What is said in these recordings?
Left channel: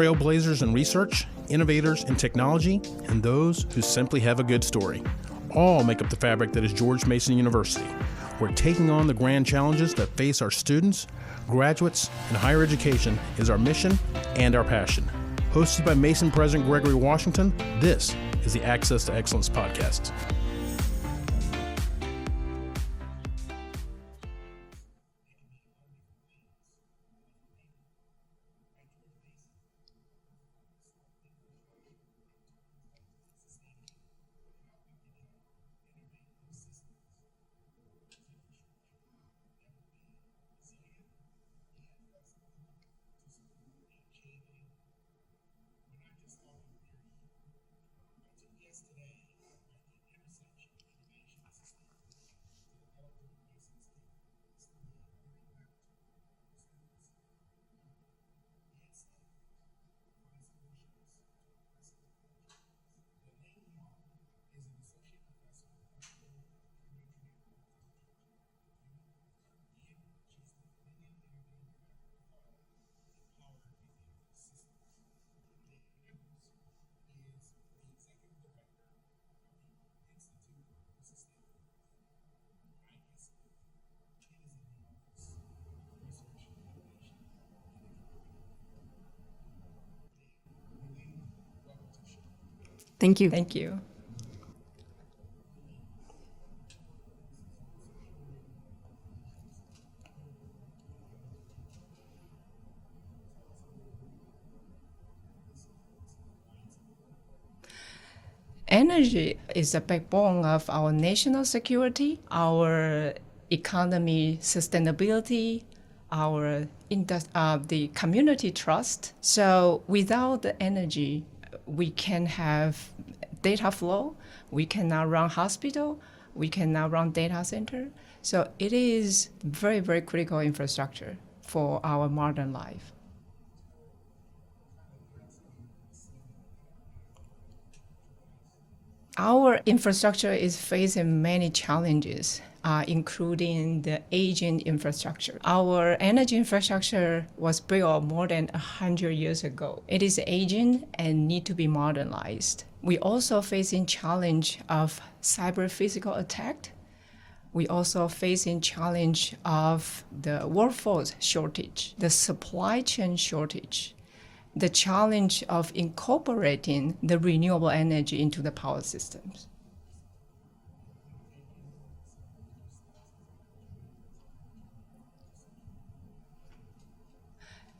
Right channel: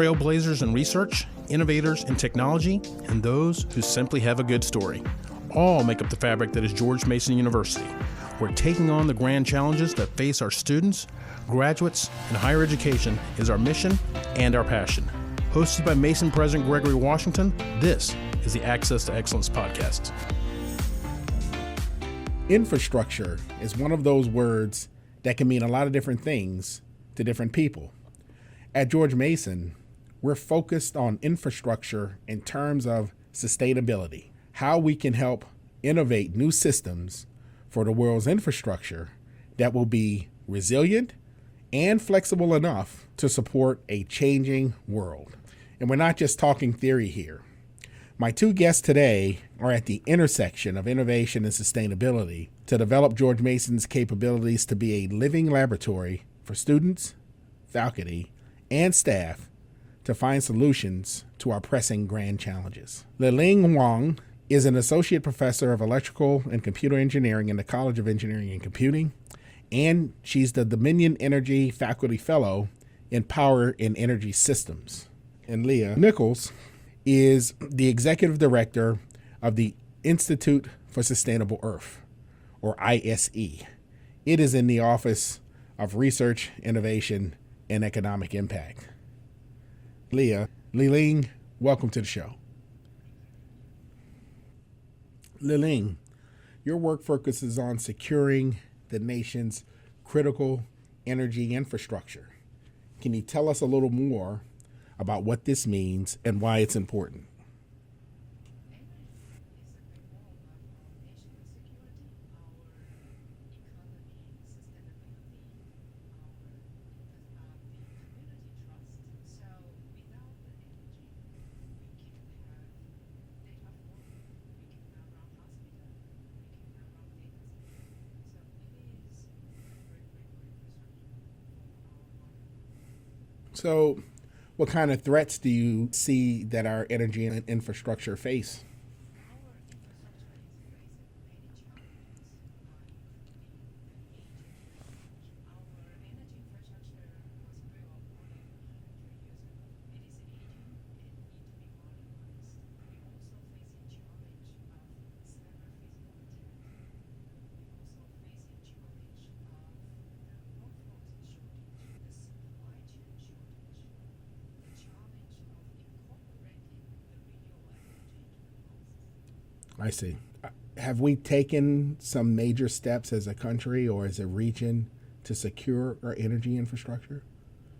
trailblazers in research, innovators in technology, and those who simply have a good story. All make up the fabric that is George Mason University. We're taking on the grand challenges that face our students, graduates, and higher education is our mission and our passion. Hosted by Mason President Gregory Washington, this is the Access to Excellence podcast. Infrastructure is one of those words that can mean a lot of different things to different people. At George Mason, we're focused on infrastructure in terms of sustainability, how we can help innovate new systems for the world's infrastructure that will be resilient and flexible enough to support a changing world. And we're not just talking theory here. My two guests today are at the intersection of innovation and sustainability to develop George Mason's capabilities to be a living laboratory for students, faculty, and staff to find solutions to our pressing grand challenges. Liling Huang is an associate professor of electrical and computer engineering in the College of Engineering and Computing, and she's the Dominion Energy Faculty Fellow in Power and Energy Systems. And Leah Nichols is the executive director of the Institute for Sustainable Earth, or ISE. It is in the Office of Research, Innovation, and Economic Impact. Leah, Liling, welcome to the show. Thank you. Thank you. Liling, your work focuses on securing the nation's critical energy infrastructure. Can you tell us a little more about what this means and why it's important? Energy is the backbone of our national security, our economy sustainability, our the community trust. So without the energy, we can have data flow, we cannot run hospital, we cannot run data center. So it is very, very critical infrastructure for our modern life. So what kind of threats do you see that our energy and infrastructure face? Our infrastructure is facing many challenges, including the aging infrastructure. Our energy infrastructure was built more than 100 years ago. It is aging and need to be modernized. We also facing challenge of cyber physical attack. We also facing challenge of the workforce shortage, the supply chain shortage, the challenge of incorporating the renewable energy into the power systems. I see. Have we taken some major steps as a country or as a region to secure our energy infrastructure?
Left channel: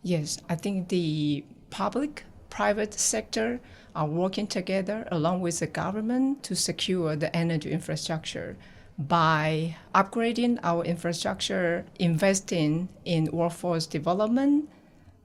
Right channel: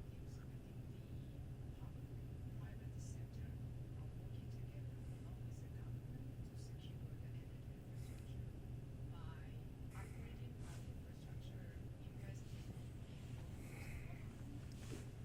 Yes, I think the public-private sector are working together along with the government to secure the energy infrastructure by upgrading our infrastructure, investing in workforce development,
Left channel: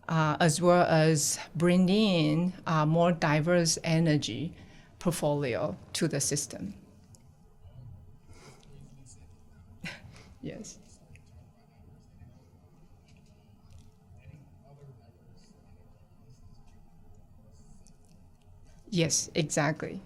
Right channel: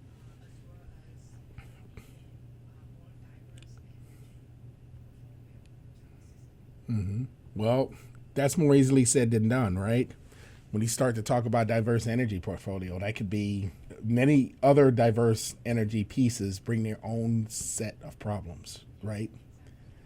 as well as bringing in more diverse energy portfolio to the system. Mm-hmm. Well, that's more easily said than done, right? Yes. When you start to talk about diverse energy portfolio, that could be many other diverse energy pieces bring their own set of problems. Yes, right? Exactly.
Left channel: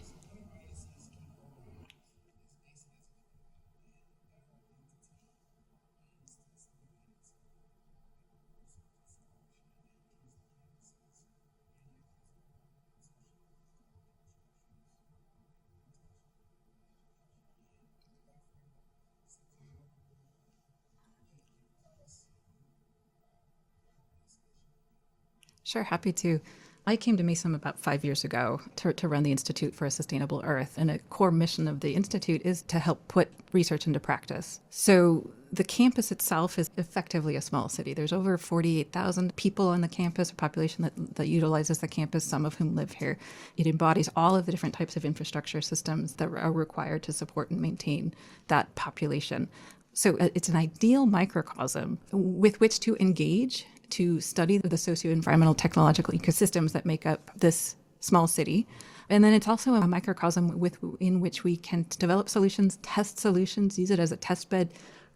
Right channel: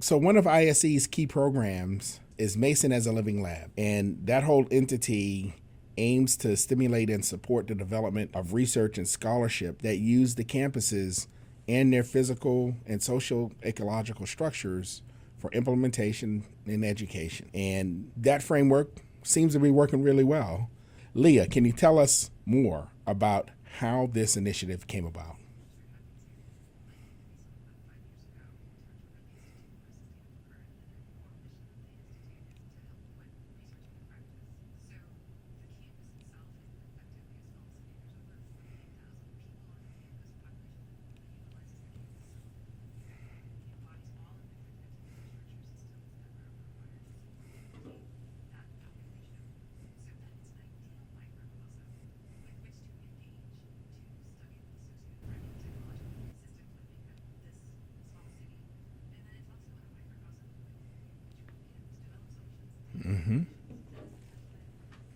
So one of ISE's key programs is Mason as a Living Lab, and that whole entity aims to stimulate and support the development of research and scholarship that use the campuses and their physical and social ecological structures for implementation in education. And that framework seems to be working really well. Leah, can you tell us more about how this initiative came about? Sure, happy to. I came to Mason about 5 years ago to run the Institute for a Sustainable Earth, and a core mission of the Institute is to help put research into practice. So the campus itself is effectively a small city. There's over 48,000 people on the campus, a population that utilizes the campus, some of whom live here. It embodies all of the different types of infrastructure systems that are required to support and maintain that population. So it's an ideal microcosm with which to engage, to study the socio-environmental technological ecosystems that make up this small city. And then it's also a microcosm in which we can develop solutions, test solutions, use it as a test bed,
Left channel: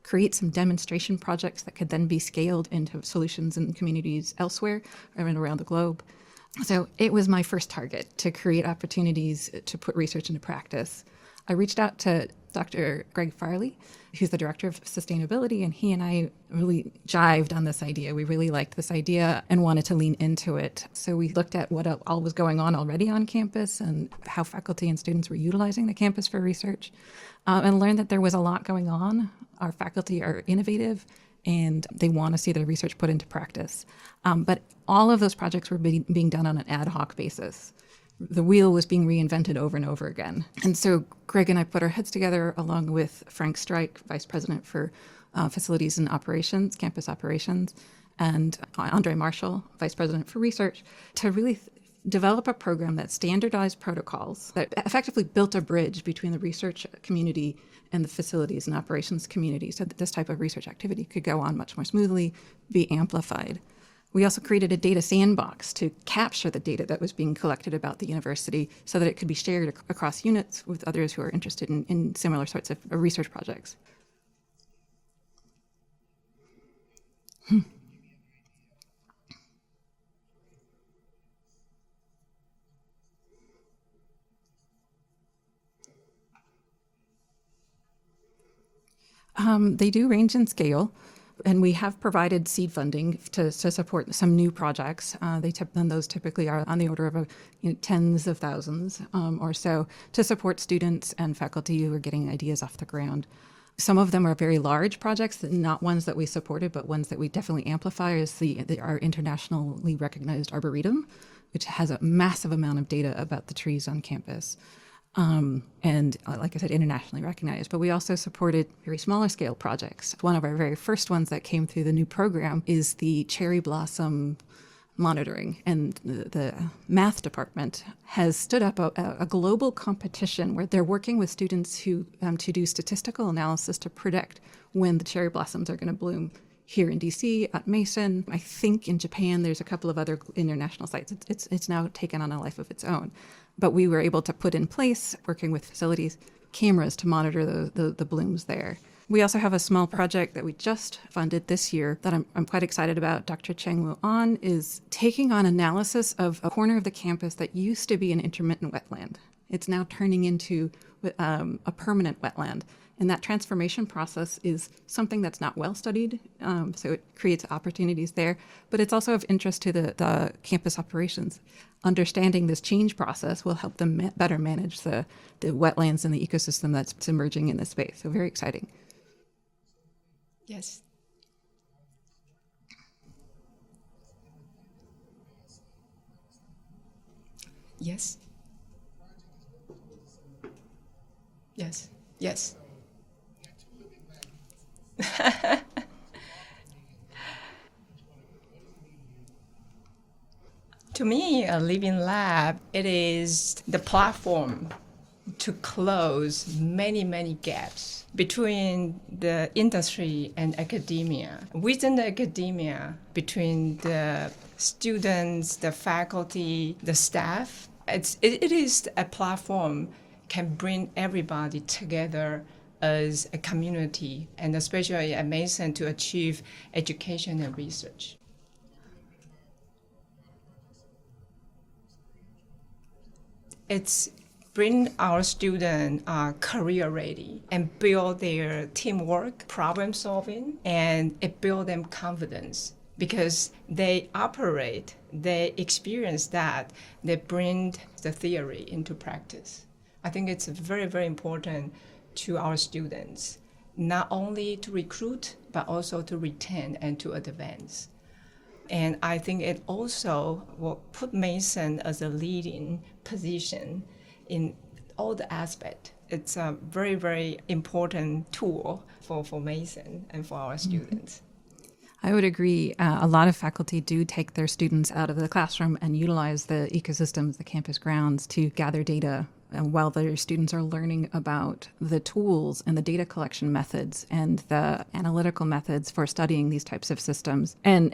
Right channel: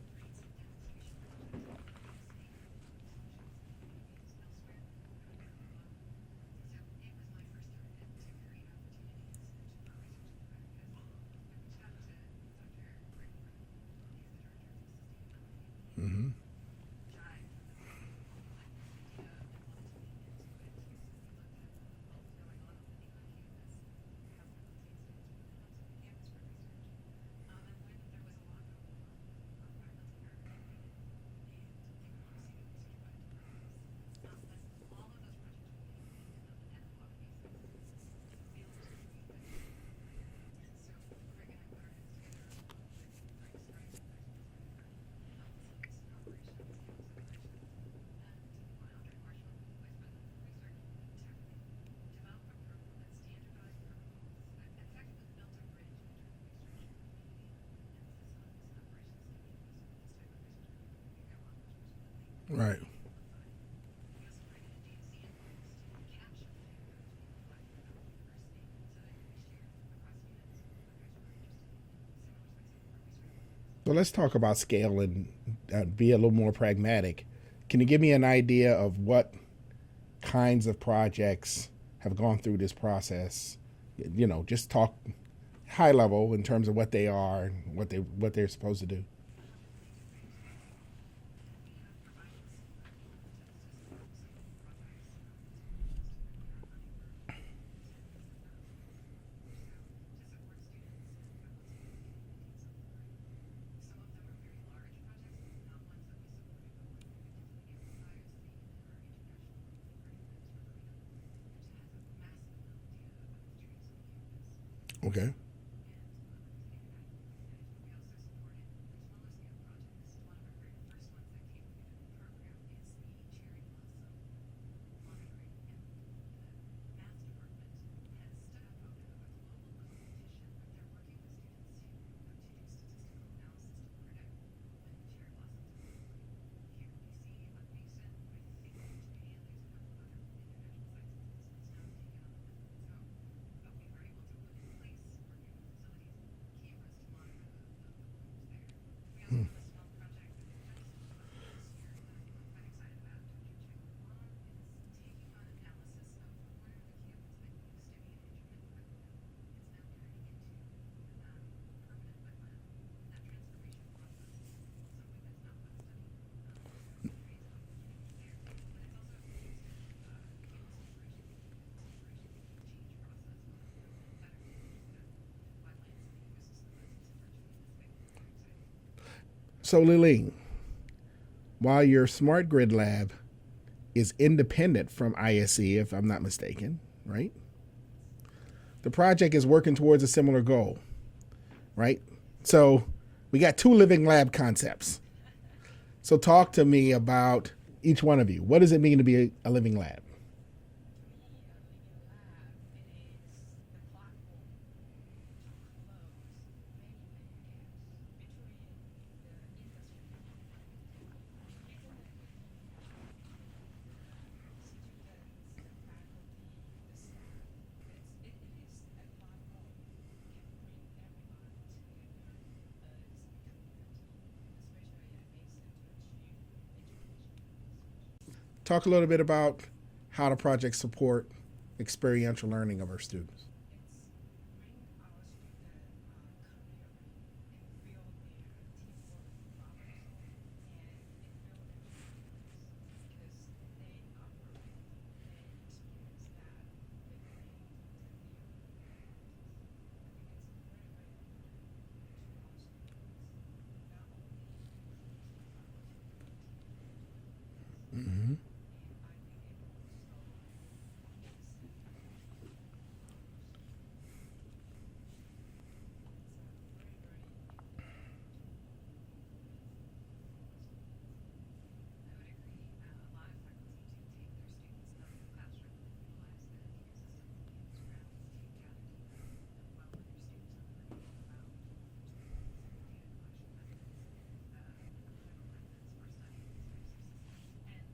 create some demonstration projects that could then be scaled into solutions in communities elsewhere and around the globe. So it was my first target, to create opportunities to put research into practice. I reached out to Dr. Greg Farley, who's the director of sustainability, and he and I really jived on this idea. We really liked this idea and wanted to lean into it. So we looked at what all was going on already on campus and how faculty and students were utilizing the campus for research, and learned that there was a lot going on. Our faculty are innovative and they want to see their research put into practice. But all of those projects were being done on an ad hoc basis. The wheel was being reinvented over and over again. And so Greg and I put our heads together along with Frank Streich, Vice President for Facilities and Operations, Campus Operations, and Andre Marshall, Vice President for Research, to really develop a program that standardized protocols that effectively built a bridge between the research community and the facilities and operations community so that this type of research activity could go on much more smoothly, be amplified. We also created a data sandbox to capture the data that was being collected about the university so that it could be shared across units with others who are interested in similar sorts of research projects. So let's talk about scale and be a little more pragmatic. Can you give me an idea of what kinds of projects have gone through this process? You know, just talk high level in terms of what they are and what they're supposed to do. They do range in scale. And we have provided seed funding to support some new projects. And those typically are on the order of tens of thousands or so to support students and faculty who are getting ideas off the ground. Some of them are very large projects, not ones that we supported, but ones that we definitely amplify is our internationally recognized Arboretum, which has a massive amount of data about the trees on campus. Okay. And like I said, internationally recognized. But we also supported very smaller scale projects. One of our very first ones that came through the new program is the cherry blossom monitoring. And the math department has stood up a global competition where they're working with students who to do statistical analysis to predict when the cherry blossoms are going to bloom. Here in DC, at Mason, I think in Japan, there's a couple of other international sites. It's now taken on a life of its own. But we were able to put in place, working with facilities, cameras to monitor the blooms there. We also have a small project that we just funded this year that I'm quite excited about. Dr. Cheng-Woo An is taking on analysis of a corner of the campus that used to be an intermittent wetland. It's now turning into a permanent wetland. And that transformation process is something that's not well studied, so it creates opportunities there. But it's also of interest to the campus operations. Understanding this change process will help them better manage the wetlands and the ecosystem that's emerging in this space. So very exciting. So Liling, Yes. while your Smart Grid Lab is independent from ISE, if I'm not mistaken, right? Yes. The project is working towards a similar goal. Yes. Right? Yes. So we got two living lab concepts. So talk to me about each one of you. What does it mean to be a living lab? To me, a living lab, it is the platform to close many, many gaps between the industry and academia. Within the academia, between the students, the faculty, the staff, it is a platform can bring everybody together as a community, and especially at Mason to achieve education and research. Talk a little bit about how the projects support experiential learning of our students. It's bring our students career ready and build their teamwork, problem solving, and it build them confidence because they operate, they experience that, they bring the theory into practice. I think it's very, very important to our students, not only to recruit, but also to retain and to advance. Mm-hmm. And I think it also will put Mason as a leading position in all the aspects. It's a very, very important tool for Mason and for our students. I would agree. A lot of faculty do take their students out of the classroom and utilize the ecosystems, the campus grounds, to gather data while their students are learning about the tools and the data collection methods and the analytical methods for studying these types of systems. And,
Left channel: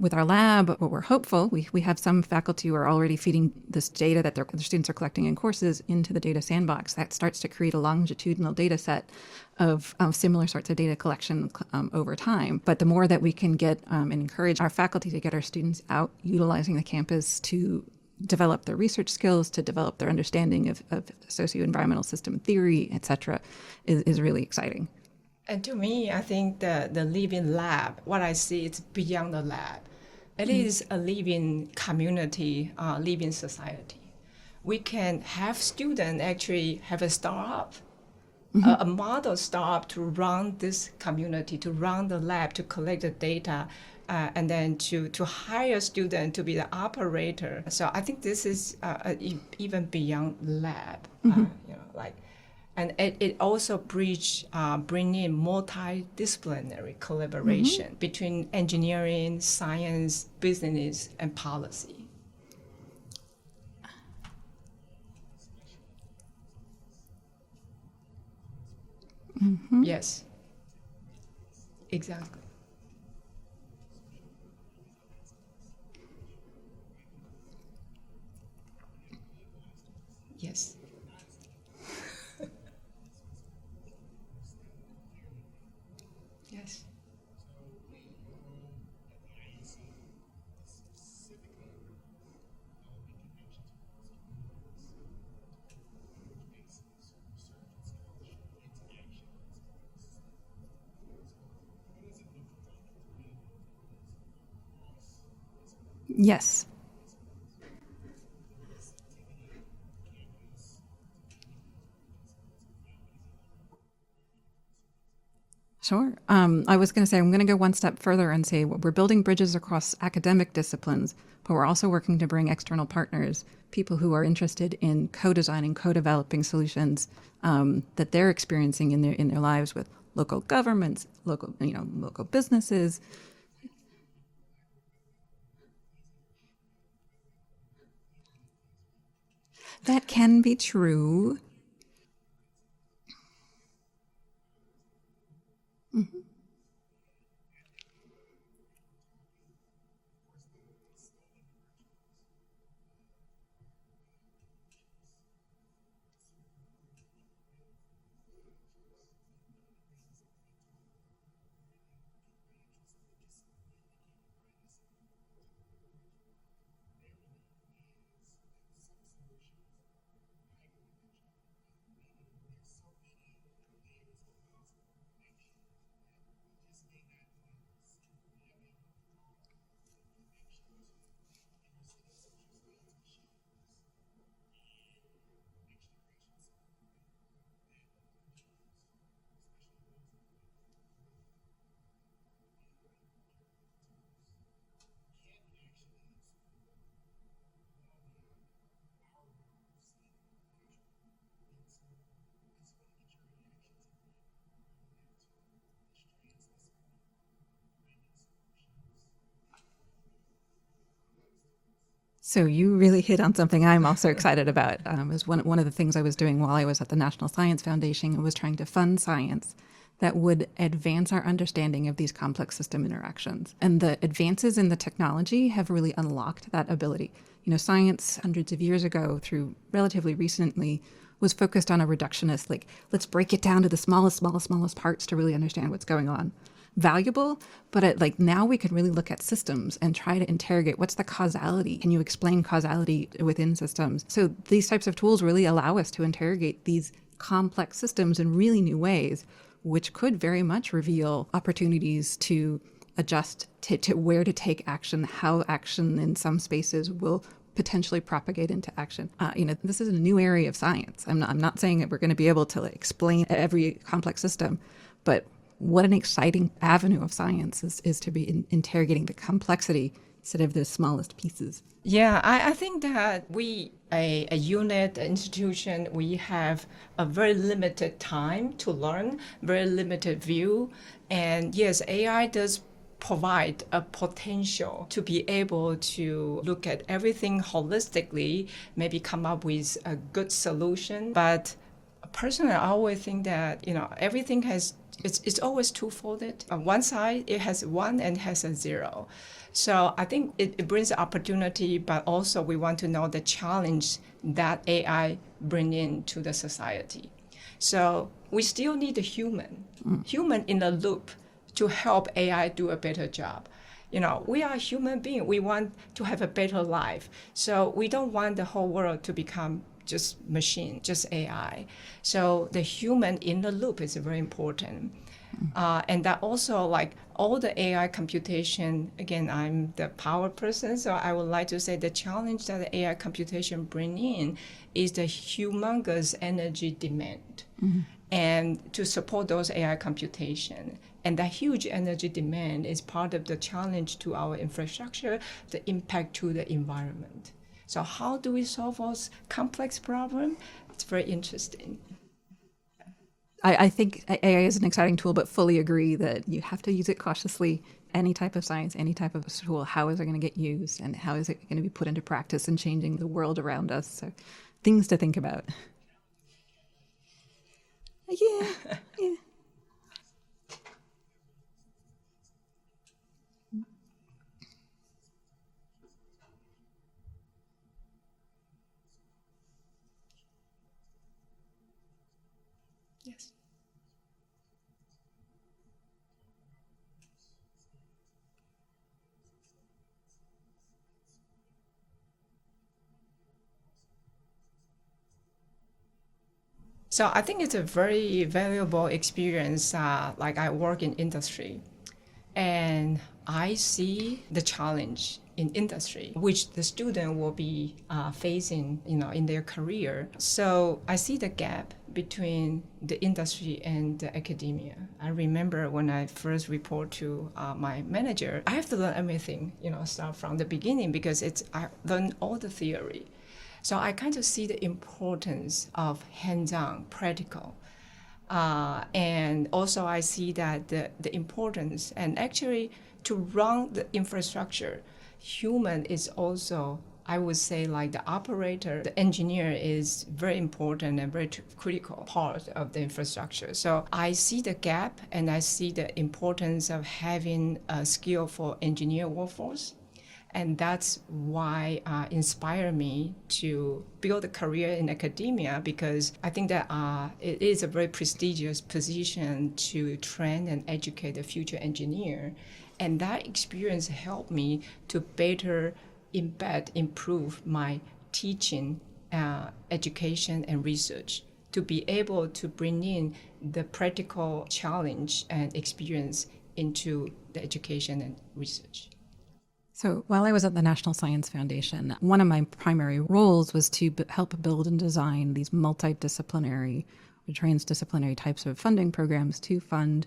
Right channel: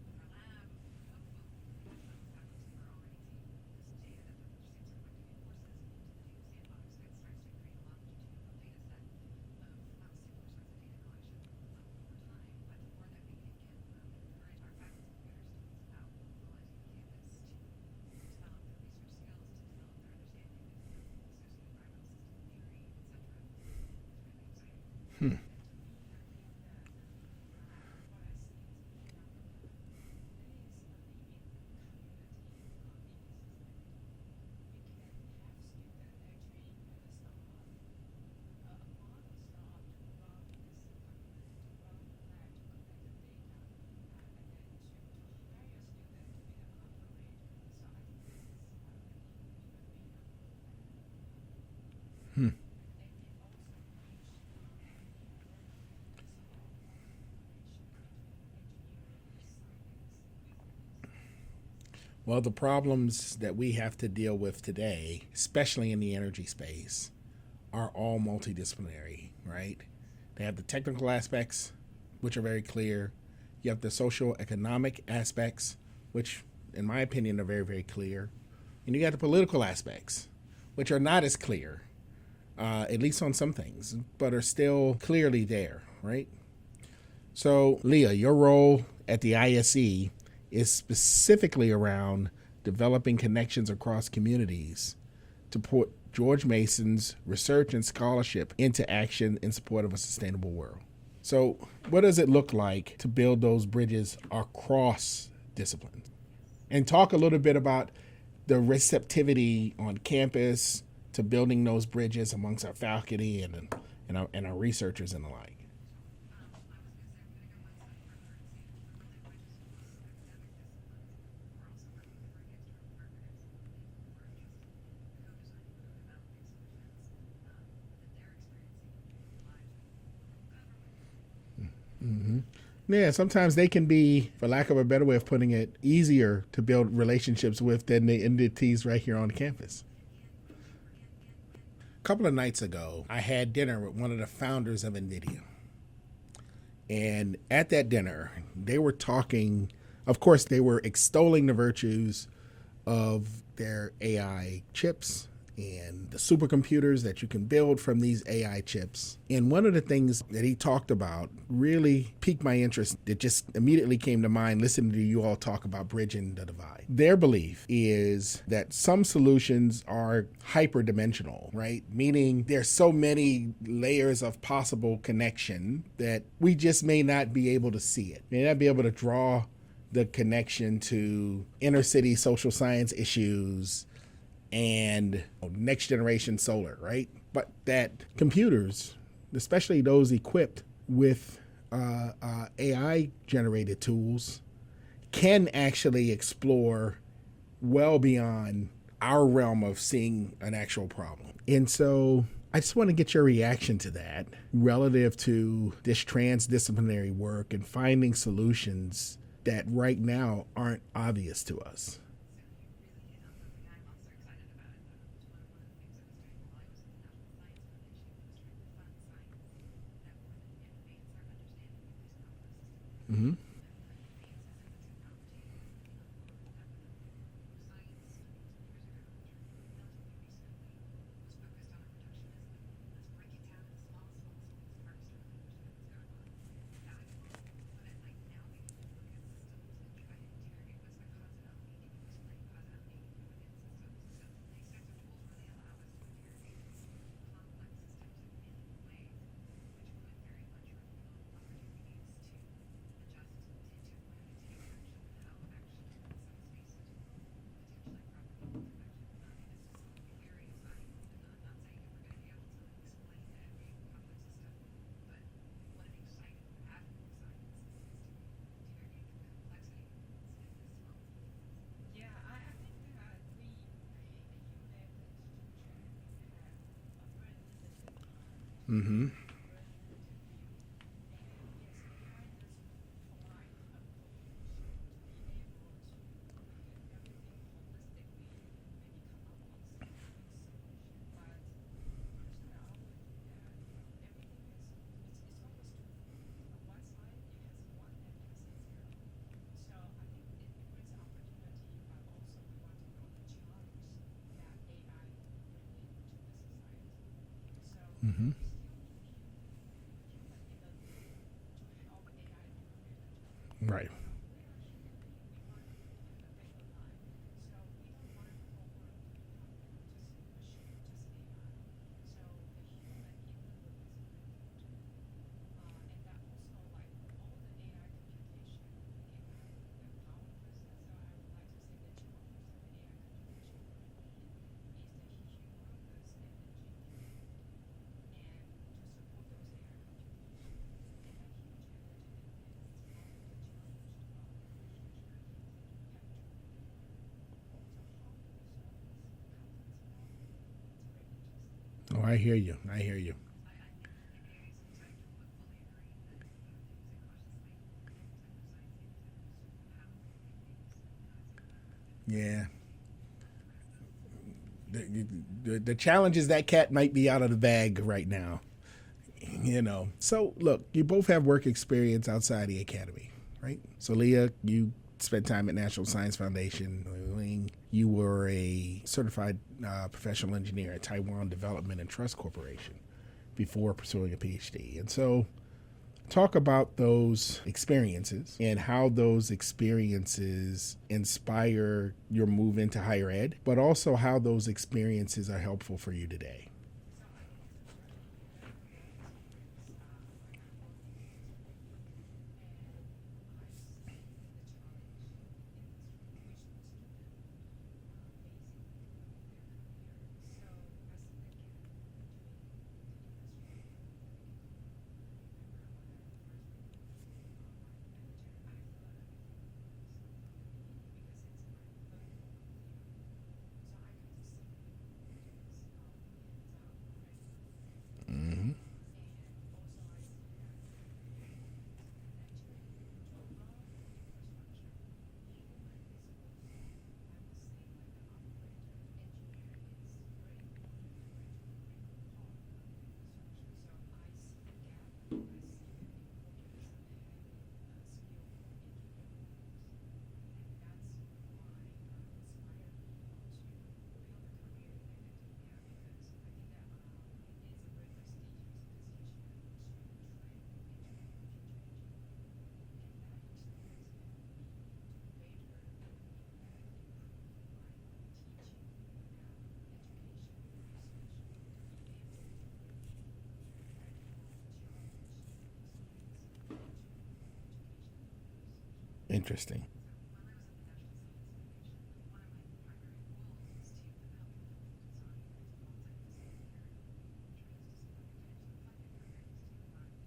with our lab, what we're hopeful, we have some faculty who are already feeding this data that their students are collecting in courses into the data sandbox. That starts to create a longitudinal data set of similar sorts of data collection over time. But the more that we can get and encourage our faculty to get our students out utilizing the campus to develop their research skills, to develop their understanding of socio-environmental system theory, et cetera, is really exciting. And to me, I think the living lab, what I see, it's beyond the lab. It is a living community, living society. We can have students actually have a startup, a model startup to run this community, to run the lab, to collect the data, and then to hire a student to be the operator. So I think this is even beyond lab, and it also bring in multidisciplinary collaboration between engineering, science, business, and policy. Well, the problems that we have to deal with today, especially in the energy space, are all multidisciplinary, right? Yes, They have the technical aspects, exactly. which are very clear. You have the social economic aspects, which, in my opinion, are very, very clear. And you got the political aspects, Yes. which are not as clear, at least on some things, but are still clearly there, right? Yes. So, Leah, your role at the ISE is specifically around developing connections across communities to put George Mason's research and scholarship into action in support of a sustainable world. So, what does it look like to build those bridges across disciplines? Yes. And talk a little bit about the receptivity on campus to building those bridges amongst our faculty and our researchers and the like. Sure. I was going to say, I'm going to go one step further and say we're building bridges across academic disciplines, but we're also working to bring external partners, people who are interested in co-designing, co-developing solutions that they're experiencing in their lives with local governments, local businesses. Yeah, sometimes they can be, for lack of a better way of putting it, easier to build relationships with than the entities right here on campus. That can be true. A couple of nights ago, I had dinner with one of the founders of NVIDIA. And at that dinner, they were talking, of course, they were extolling the virtues of their AI chips and the supercomputers that you can build from these AI chips. And one of the things that he talked about really piqued my interest. That just immediately came to mind listening to you all talk about bridging the divide. Their belief is that some solutions are hyperdimensional, right? Meaning there's so many layers of possible connection that we just may not be able to see it. May not be able to draw the connection to inner city social science issues and next generation solar, right? But that computers, especially those equipped with AI generated tools, can actually explore well beyond our realm of seeing an actual problem. And so I just want to get your reaction to that relative to this transdisciplinary work and finding solutions that right now aren't obvious to us. So you really hit on something I'm also excited about. It was one of the things I was doing while I was at the National Science Foundation. I was trying to fund science that would advance our understanding of these complex system interactions. And the advances in the technology have really unlocked that ability. Science hundreds of years ago through relatively recently was focused on a reductionist, like, let's break it down to the smallest parts to really understand what's going on. Valuable, but now we could really look at systems and try to interrogate what's the causality. Can you explain causality within systems? So these types of tools really allow us to interrogate these complex systems in really new ways, which could very much reveal opportunities to adjust to where to take action, how action in some spaces will potentially propagate into action. This is a new area of science. I'm not saying that we're going to be able to explain every complex system, but what an exciting avenue of science is to be interrogating the complexity instead of the smallest pieces. Yeah, I think that we, a unit, an institution, we have a very limited time to learn, very limited view. And yes, AI does provide a potential to be able to look at everything holistically, maybe come up with a good solution. But personally, I always think that, everything has it's always two-folded. On one side, it has one and has a zero. So I think it brings opportunity, but also we want to know the challenge that AI bring into the society. So we still need a human in the loop to help AI do a better job. Right. We are human beings. We want to have a better life. So we don't want the whole world to become just machine, just AI. So the human in the loop is very important. And that also, like all the AI computation, again, I'm the power person, so I would like to say the challenge that the AI computation bring in is the humongous energy demand. And to support those AI computation. And that huge energy demand is part of the challenge to our infrastructure, the impact to the environment. So how do we solve those complex problems? It's very interesting. Oh, I hear you. I hear you. I think AI is an exciting tool, but fully agree that you have to use it cautiously. Any type of science, any type of tool, how is it going to get used and how is it going to be put into practice and changing the world around us? So things to think about. The challenge is that cat might be out of the bag right now. You know. So look, you both have work experience outside the academy, right? So Leah, you spent time at National Science Foundation. Liling, you were a certified professional engineer at Taiwan Development and Trust Corporation before pursuing a PhD. And so talk about those experiences and how those experiences inspire your move into higher ed, but also how those experiences are helpful for you today. So I think it's a very valuable experience. Like I work in industry, and I see the challenge in industry, which the student will be facing, in their career. So I see the gap between the industry and the academia. I remember when I first report to my manager, I have to learn everything, start from the beginning because I learned all the theory. So I kind of see the importance of hands-on, practical. And also I see that the importance, and actually to run the infrastructure, human is also, I would say, like the operator, the engineer is very important and very critical part of the infrastructure. So I see the gap and I see the importance of having a skillful engineer workforce. And that's why inspired me to build a career in academia, because I think that it is a very prestigious position to train and educate the future engineer. And that experience helped me to better improve my teaching, education, and research, to be able to bring in the practical challenge and experience into the education and research. Interesting. So while I was at the National Science Foundation, one of my primary roles was to help build and design these multidisciplinary or transdisciplinary types of funding programs to fund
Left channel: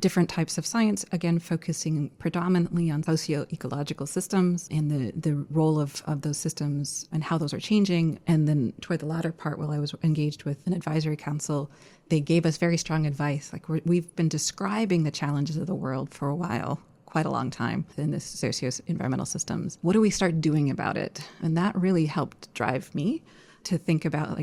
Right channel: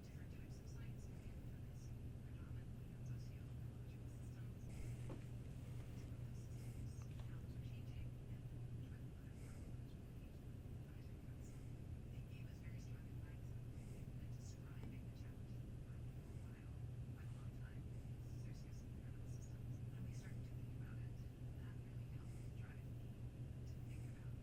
different types of science, again, focusing predominantly on socio-ecological systems and the role of those systems and how those are changing. And then toward the latter part, while I was engaged with an advisory council, they gave us very strong advice. Like we've been describing the challenges of the world for a while, quite a long time in the socio-environmental systems. What do we start doing about it? And that really helped drive me to think about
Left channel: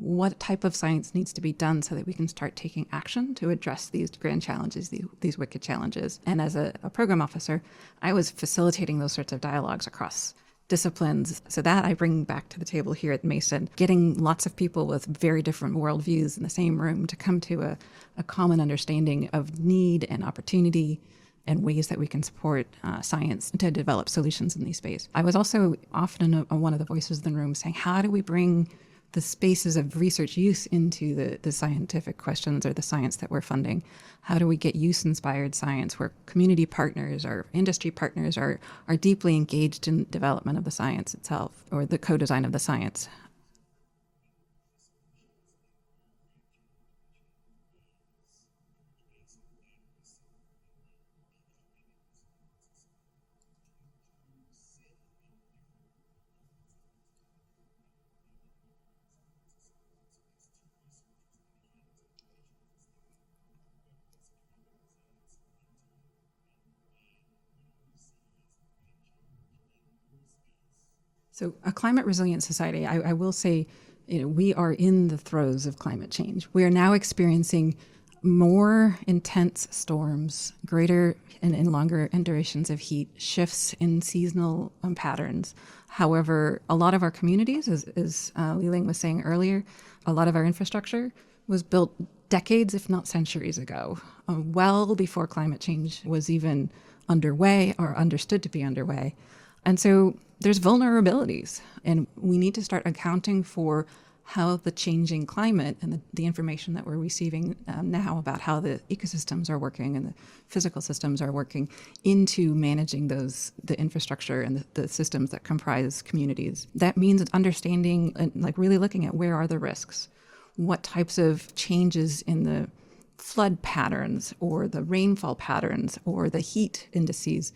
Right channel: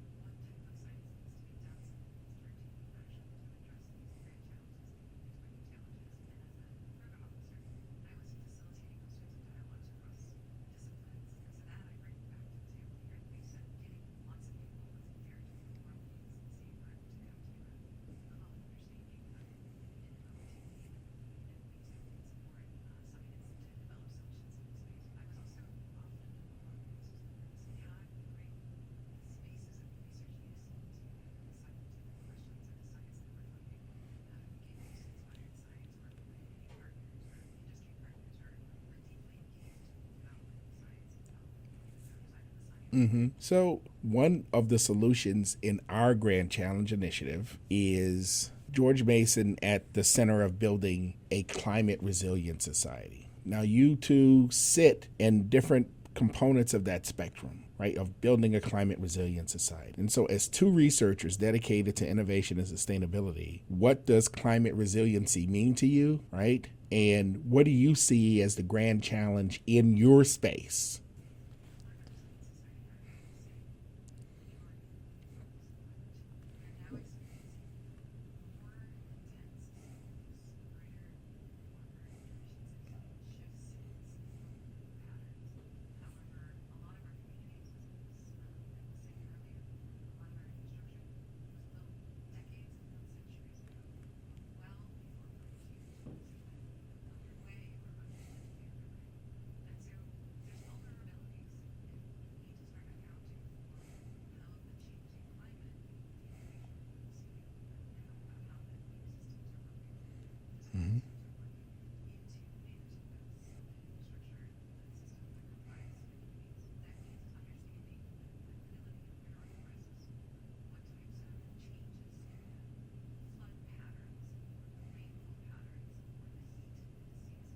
what type of science needs to be done so that we can start taking action to address these grand challenges, these wicked challenges. And as a program officer, I was facilitating those sorts of dialogues across disciplines. So that I bring back to the table here at Mason, getting lots of people with very different worldviews in the same room to come to a common understanding of need and opportunity and ways that we can support science to develop solutions in these spaces. I was also often one of the voices in the room saying, how do we bring the spaces of research use into the scientific questions or the science that we're funding? How do we get use-inspired science where community partners or industry partners are deeply engaged in development of the science itself or the co-design of the science? Mm-hmm. So one of the solutions in our Grand Challenge initiative is George Mason at the center of building a climate resilient society. Now, you two sit in different components of that spectrum, right, of building a climate resilient society. And so as two researchers dedicated to innovation and sustainability, what does climate resiliency mean to you, right? And what do you see as the grand challenge in your space? So a climate resilient society, I will say, we are in the throes of climate change. We are now experiencing more intense storms, greater and longer durations of heat, shifts in seasonal patterns. However, a lot of our communities, as Liling was saying earlier, a lot of our infrastructure was built decades, if not centuries ago, well before climate change was even underway or understood to be underway. And so there's vulnerabilities, and we need to start accounting for how the changing climate and the information that we're receiving now about how the ecosystems are working and the physical systems are working into managing the infrastructure and the systems that comprise communities. That means understanding and like really looking at where are the risks, what types of changes in the flood patterns or the rainfall patterns or the heat indices,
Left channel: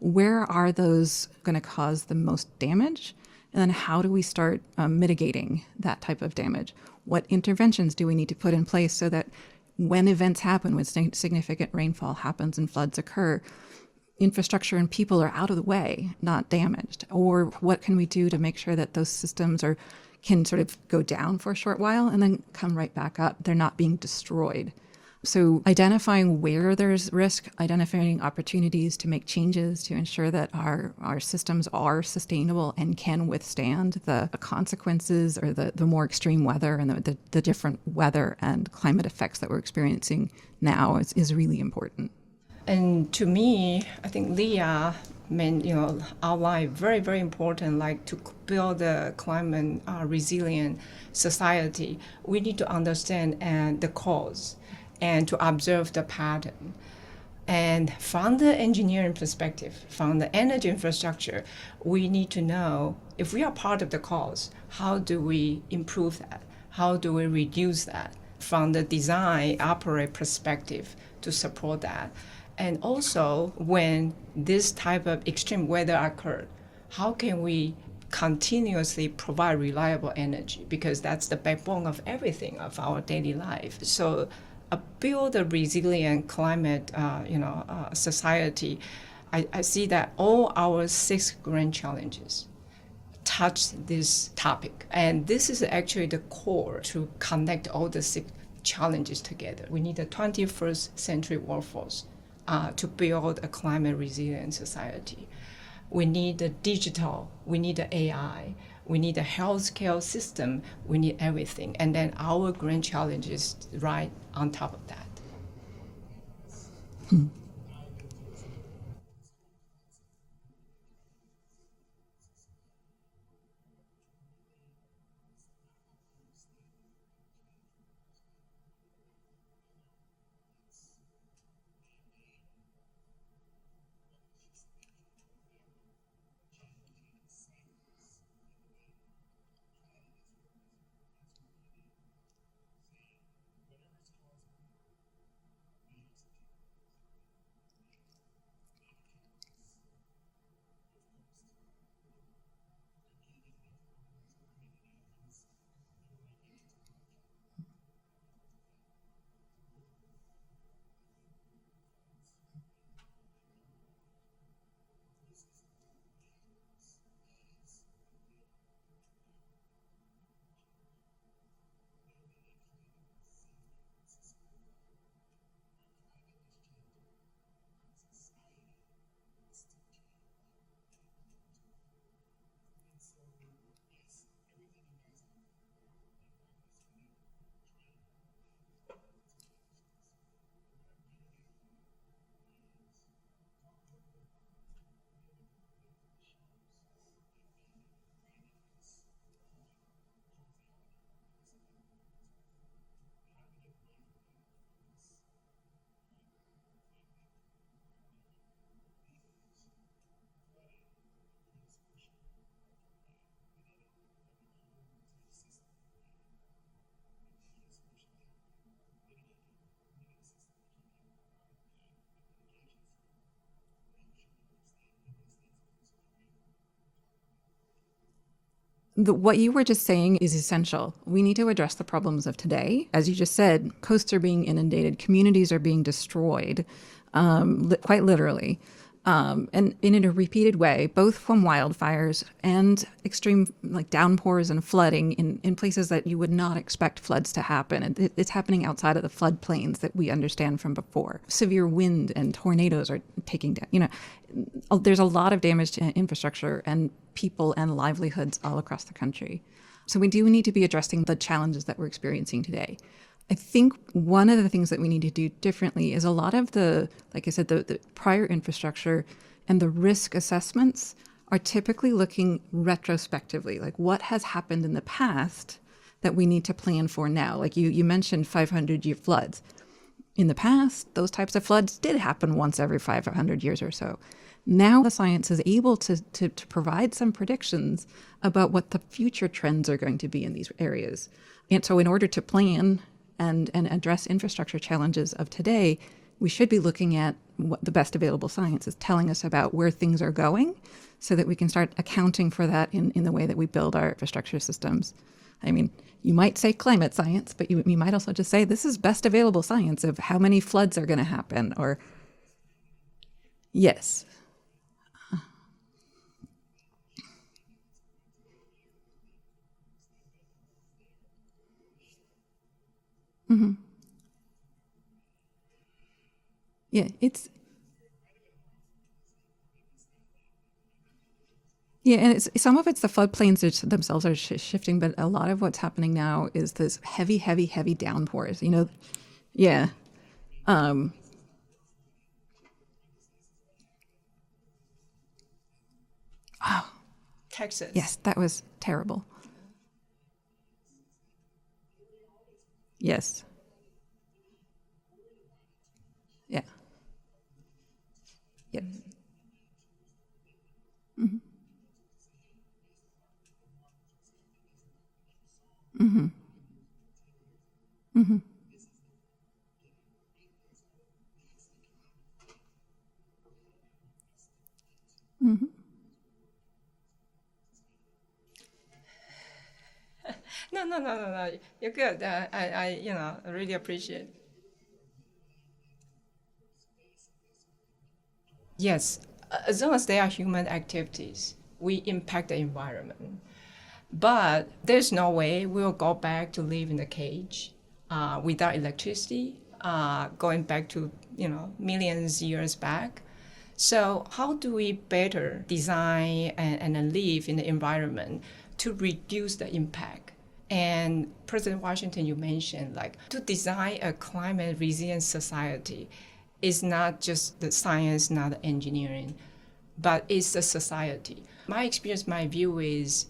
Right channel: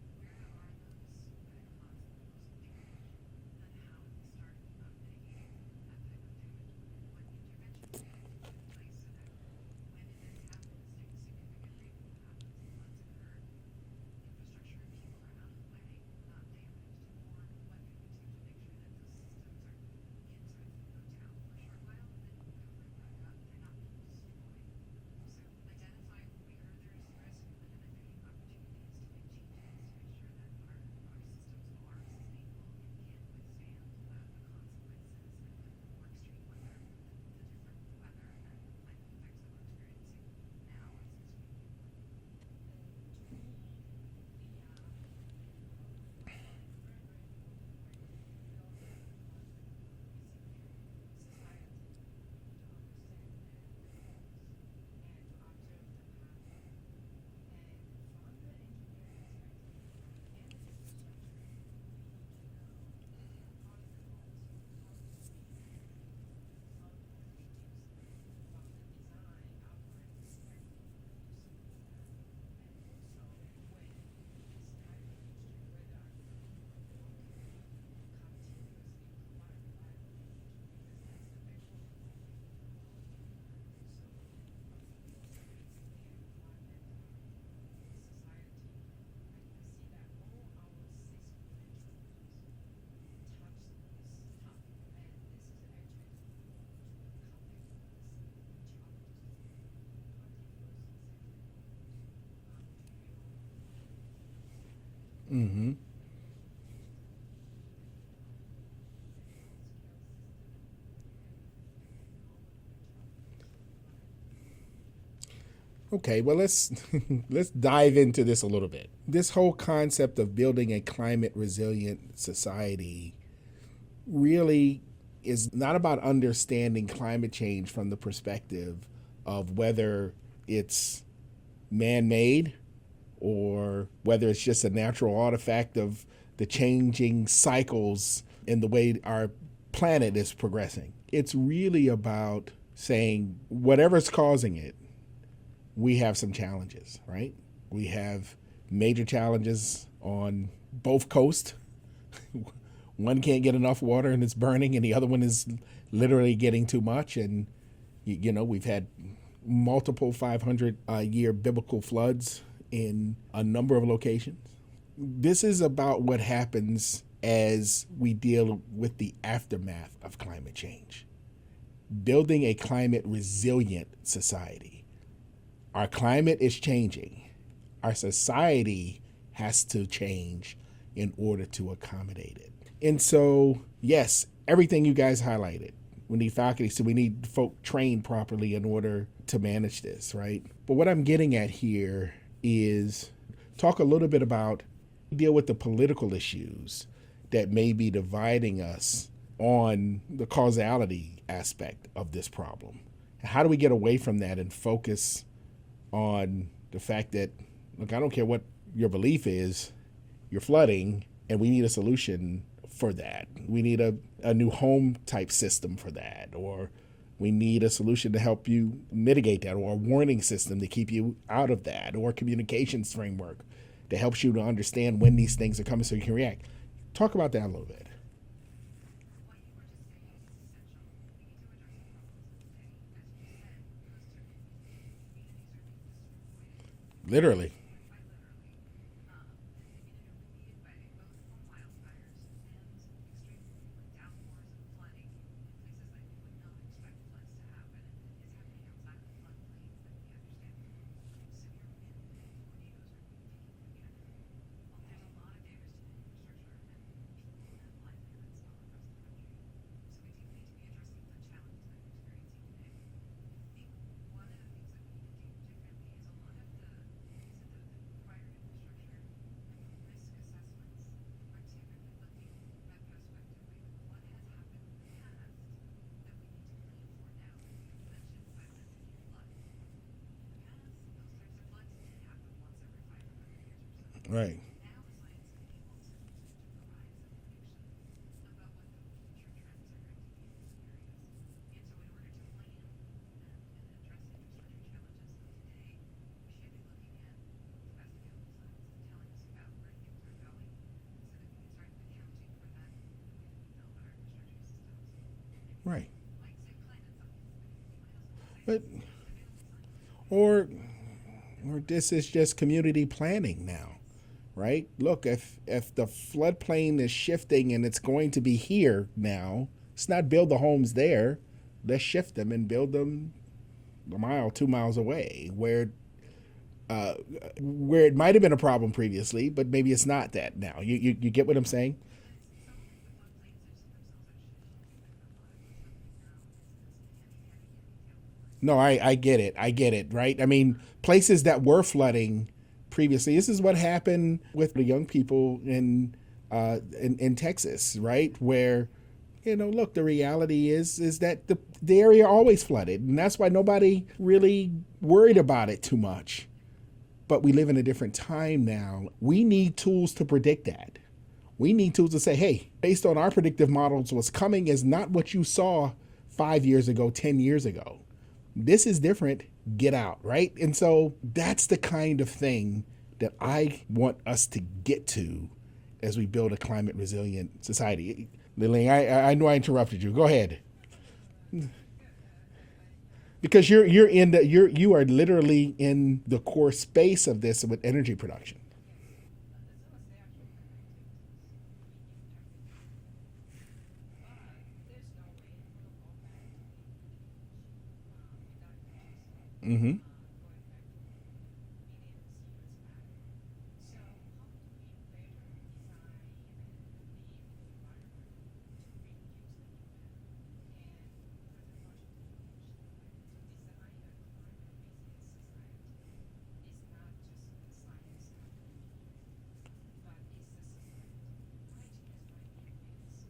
where are those going to cause the most damage? And then how do we start mitigating that type of damage? What interventions do we need to put in place so that when events happen, when significant rainfall happens and floods occur, infrastructure and people are out of the way, not damaged? Or what can we do to make sure that those systems can sort of go down for a short while and then come right back up? They're not being destroyed. So identifying where there's risk, identifying opportunities to make changes to ensure that our systems are sustainable and can withstand the consequences or the more extreme weather and the different weather and climate effects that we're experiencing now is really important. And to me, I think Leah outlined very, very important, like to build a climate resilient society, we need to understand the cause and to observe the pattern. And from the engineering perspective, from the energy infrastructure, we need to know if we are part of the cause, how do we improve that? How do we reduce that? From the design operate perspective to support that. And also when this type of extreme weather occurred, how can we continuously provide reliable energy? Because that's the backbone of everything of our daily life. So build a resilient climate society. I see that all our 6 grand challenges touch this topic. And this is actually the core to connect all the 6 challenges together. We need a 21st century workforce to build a climate resilient society. Mm-hmm. We need the digital, we need the AI, we need a healthcare system, we need everything. And then our grand challenge is right on top of that. Okay, well, let's dive into this a little bit. This whole concept of building a climate resilient society really is not about understanding climate change from the perspective of whether it's man-made or whether it's just a natural artifact of the changing cycles in the way our planet is progressing. It's really about saying whatever's causing it, we have some challenges, right? We have major challenges on both coasts. One can't get enough water and it's burning, and the other one is literally getting too much. And, we've had multiple 500-year biblical floods in a number of locations. This is about what happens as we deal with the aftermath of climate change. Building a climate resilient society. Our climate is changing. Our society has to change in order to accommodate it. And so, yes, everything you guys highlighted. We need faculty, so we need folk trained properly in order to manage this, right? But what I'm getting at here is talk a little bit about, deal with the political issues that may be dividing us on the causality aspect of this problem. How do we get away from that and focus on the fact that, look, I don't care what your belief is, you're flooding, and we need a solution for that. We need a new home type system for that, or we need a solution to help you mitigate that, or a warning system to keep you out of that, or a communications framework that helps you to understand when these things are coming so you can react. Talk about that a little bit. What you were just saying is essential. We need to address the problems of today. As you just said, coasts are being inundated, communities are being destroyed, quite literally. And in a repeated way, both from wildfires and extreme downpours and flooding in places that you would not expect floods to happen. It's happening outside of the floodplains that we understand from before. Severe wind and tornadoes are taking down, there's a lot of damage to infrastructure and people and livelihoods all across the country. So we do need to be addressing the challenges that we're experiencing today. I think one of the things that we need to do differently is a lot of the prior infrastructure and the risk assessments are typically looking retrospectively, like what has happened in the past that we need to plan for now. Like you mentioned 500-year floods. In the past, those types of floods did happen once every 500 years or so. Right. Now the science is able to provide some predictions about what the future trends are going to be in these areas. And so in order to plan and address infrastructure challenges of today, we should be looking at what the best available science is telling us about where things are going so that we can start accounting for that in the way that we build our infrastructure systems. I mean, Right. You might say climate science, but you might also just say this is best available science of how many floods are going to happen. Or this is just community planning now. Yes. Right? Look, if the floodplain is shifting and it's going to be here now, let's not build the homes there. Let's shift them and build them a mile, 2 miles away where it might have been a problem previously, but maybe it's not that now. You get what I'm saying? Yeah, and some of it's the floodplains themselves are shifting, but a lot of what's happening now is this heavy downpours. I get it. Yeah. I get it, right? I mean, places that were flooding previously, this is what happened with the young people in Texas, Yes, right? that was Where, terrible. Look, the reality is that the area always flooded. Yes. And that's why nobody really worried about it too much. Yeah. But we live in a different time now. Yeah. We need tools to predict that. Mm-hmm. We need tools to say, hey, based on our predictive models, what's coming is not what you saw 5 years ago, 10 years ago. Mm-hmm. This is different. Get out, right? And so that's the kind of thing that I want us to get to as we build a climate resilient society. Liling, I know I interrupted you. Go ahead. No. You're good. Because you are literally in the core space of this with energy production. Yes, as long as they are human activities, we impact the environment. But there's no way we'll go back to live in a cage without electricity, going back to millions years back. So how do we better design and live in the environment to reduce the impact? And President Washington, you mentioned, to design a climate resilient society is not just the science, not the engineering, but it's the society. My experience, my view is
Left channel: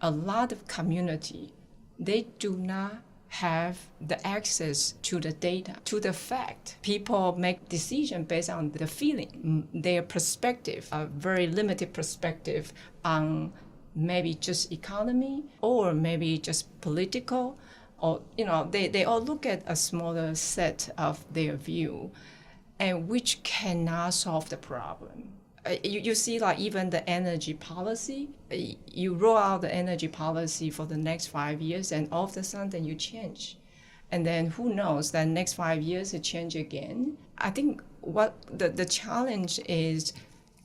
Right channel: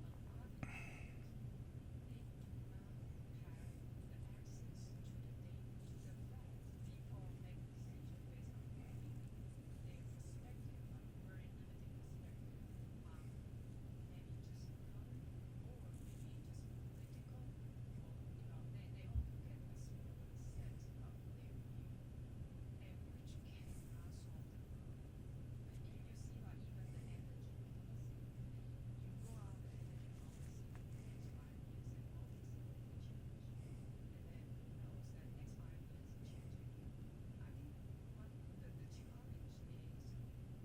a lot of community, they do not have the access to the data, to the fact. People make decisions based on the feeling, their perspective, a very limited perspective on maybe just economy or maybe just political, or they all look at a smaller set of their view, and which cannot solve the problem. You see, even the energy policy, you roll out the energy policy for the next 5 years, and all of a sudden you change. And then who knows, that next 5 years it change again. I think what the challenge is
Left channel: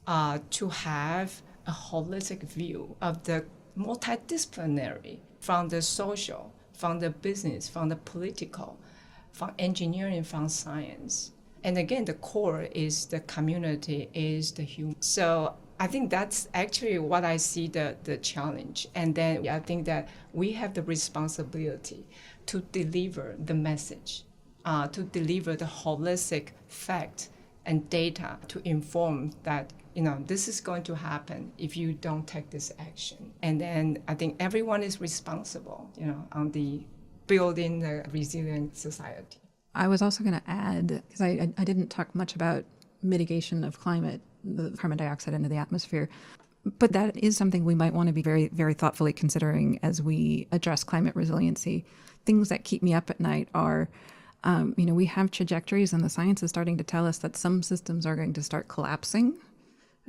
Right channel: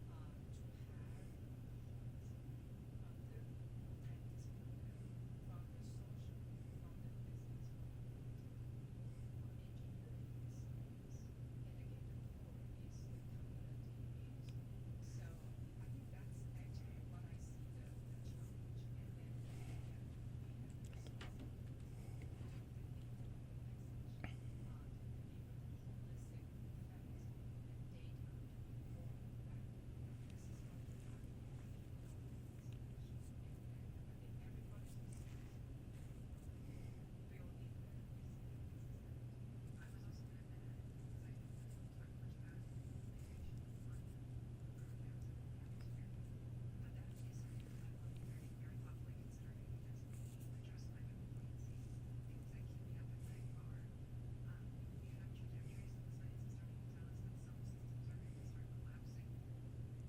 to have a holistic view of the multidisciplinary, from the social, from the business, from the political, from engineering, from science. And again, the core is the community, is the human. So I think that's actually what I see the challenge. And then I think that we have the responsibility to deliver the message, to deliver the holistic fact and data to inform that, this is going to happen if you don't take this action. And then I think everyone is responsible, on the building a resilient society. I was also going to add, because I didn't talk much about mitigation of the carbon dioxide into the atmosphere, but that is something we might want to be very, very thoughtfully considering as we address climate resiliency. Things that keep me up at night are, we have trajectories, and the science is starting to tell us that some systems are going to start collapsing.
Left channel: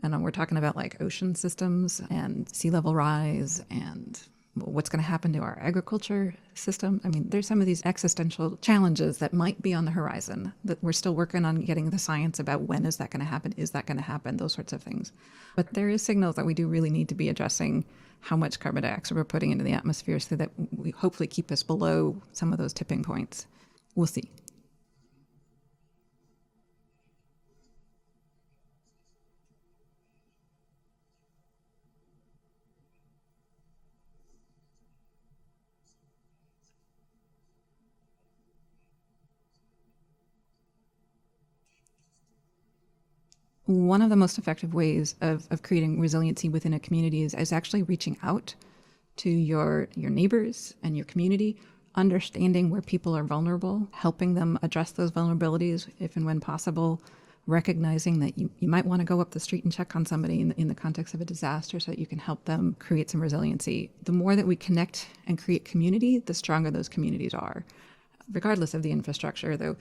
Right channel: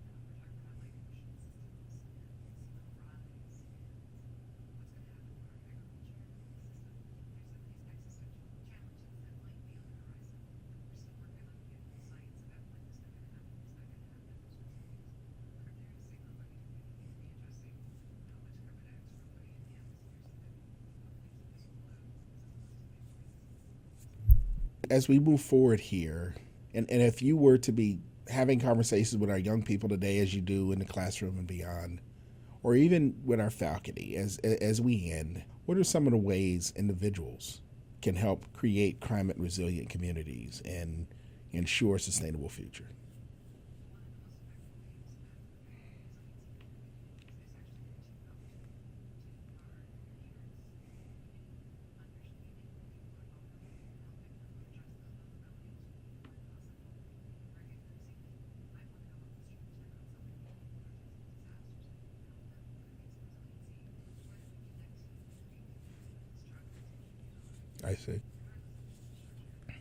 And we're talking about ocean systems and sea level rise and what's going to happen to our agriculture system. I mean, there's some of these existential challenges that might be on the horizon that we're still working on getting the science about. When is that going to happen? Is that going to happen? Those sorts of things. But there is signals that we do really need to be addressing how much carbon dioxide we're putting into the atmosphere so that we hopefully keep us below some of those tipping points. We'll see. As we move forward here, and if you were to be having conversations with our young people today, as you do in the classroom and beyond, or even with our faculty, as we end, what are some of the ways individuals can help create climate resilient communities and ensure a sustainable future? One of the most effective ways of creating resiliency within a community is actually reaching out to your neighbors and your community, understanding where people are vulnerable, helping them address those vulnerabilities if and when possible, recognizing that you might want to go up the street and check on somebody in the context of a disaster so that you can help them create some resiliency. The more that we connect and create community, the stronger those communities are. I see. Regardless of the infrastructure, though,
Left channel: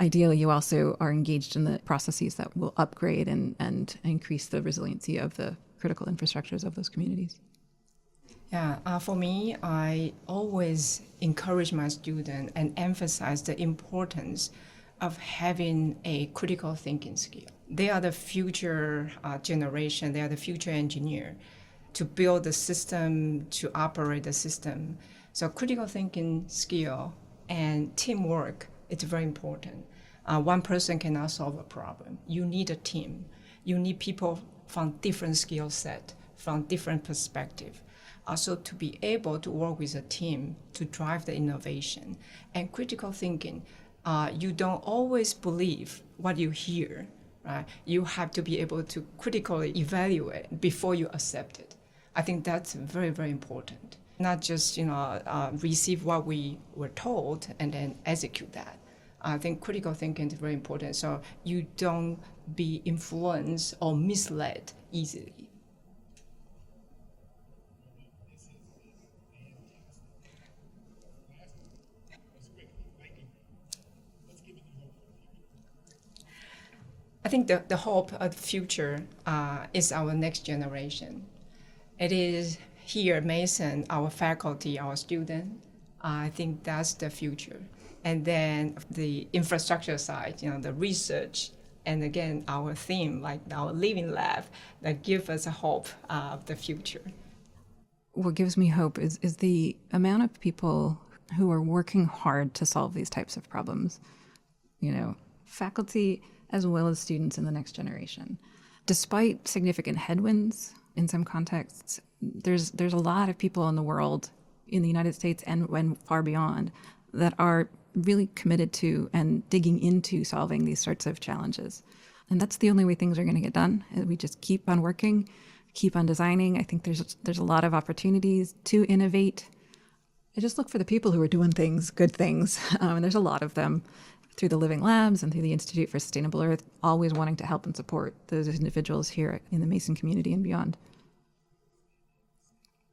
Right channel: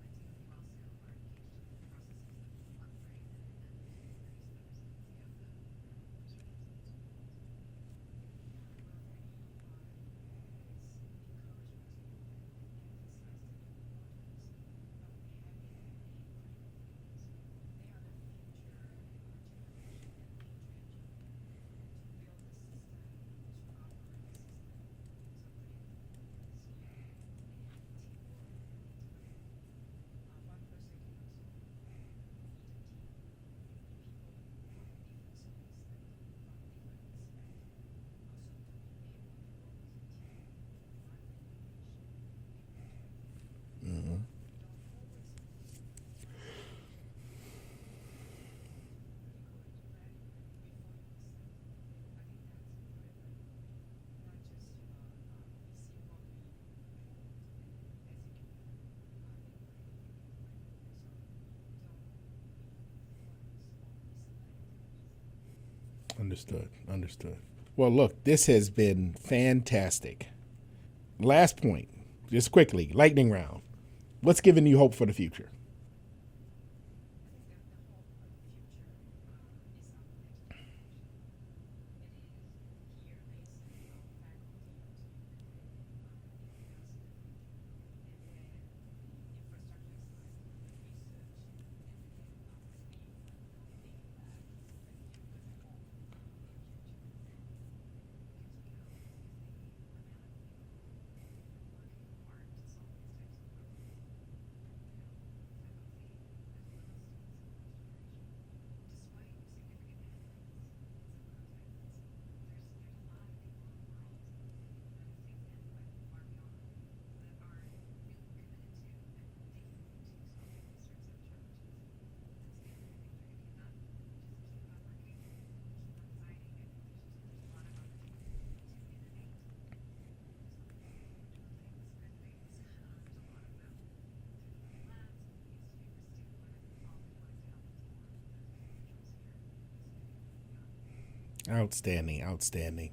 ideally you also are engaged in the processes that will upgrade and increase the resiliency of the critical infrastructures of those communities. Yeah, for me, I always encourage my students and emphasize the importance of having a critical thinking skill. They are the future generation, they are the future engineer to build the system, to operate the system. So critical thinking skill and teamwork, it's very important. One person cannot solve a problem. You need a team. You need people from different skill set, from different perspective. Also to be able to work with a team to drive the innovation. And critical thinking, you don't always believe what you hear. Right? You have to be able to critically evaluate before you accept it. I think that's very, very important. Not just receive what we were told and then execute that. I think critical thinking is very important, so you don't be influenced or misled easily. Understood. Well, look, this has been fantastic. Last point, just quickly, lightning round. What's giving you hope for the future? I think the hope of the future is our next generation. It is here at Mason, our faculty, our students. I think that's the future. And then the infrastructure side, the research, and again, our theme, like our living lab, that give us a hope of the future. What gives me hope is the amount of people who are working hard to solve these types of problems. Faculty as well as students in the next generation. Despite significant headwinds in some contexts, there's a lot of people in the world, in the United States and far beyond, that are really committed to and digging into solving these sorts of challenges. And that's the only way things are going to get done. We just keep on working, keep on designing. I think there's a lot of opportunities to innovate. I just look for the people who are doing things, good things, and there's a lot of them through the Living Labs and through the Institute for Sustainable Earth, always wanting to help and support those individuals here in the Mason community and beyond. Outstanding.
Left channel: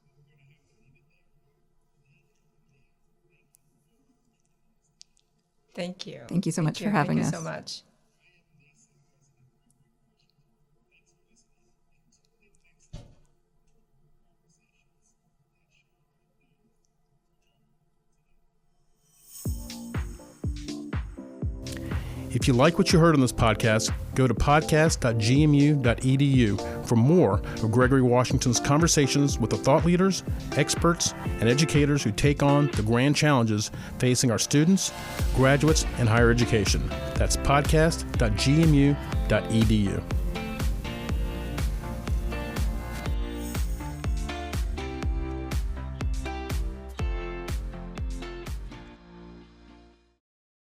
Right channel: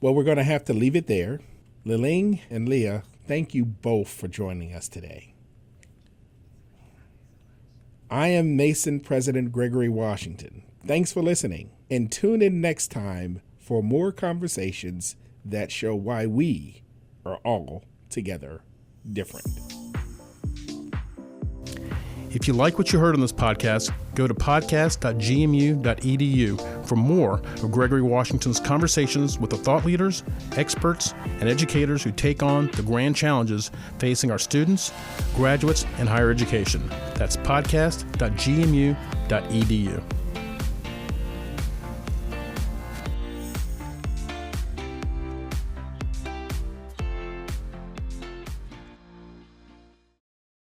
Well, we're going to have to leave it there. Liling and Leah, thank you both for joining us today. Thank you. Thank you so much for having us. Thank you so much. I am Mason President Gregory Washington. Thanks for listening, and tune in next time for more conversations that show why we are all together different. If you like what you heard on this podcast, go to podcast.gmu.edu for more of Gregory Washington's conversations with the thought leaders, experts, and educators who take on the grand challenges facing our students, graduates, and higher education. That's podcast.gmu.edu.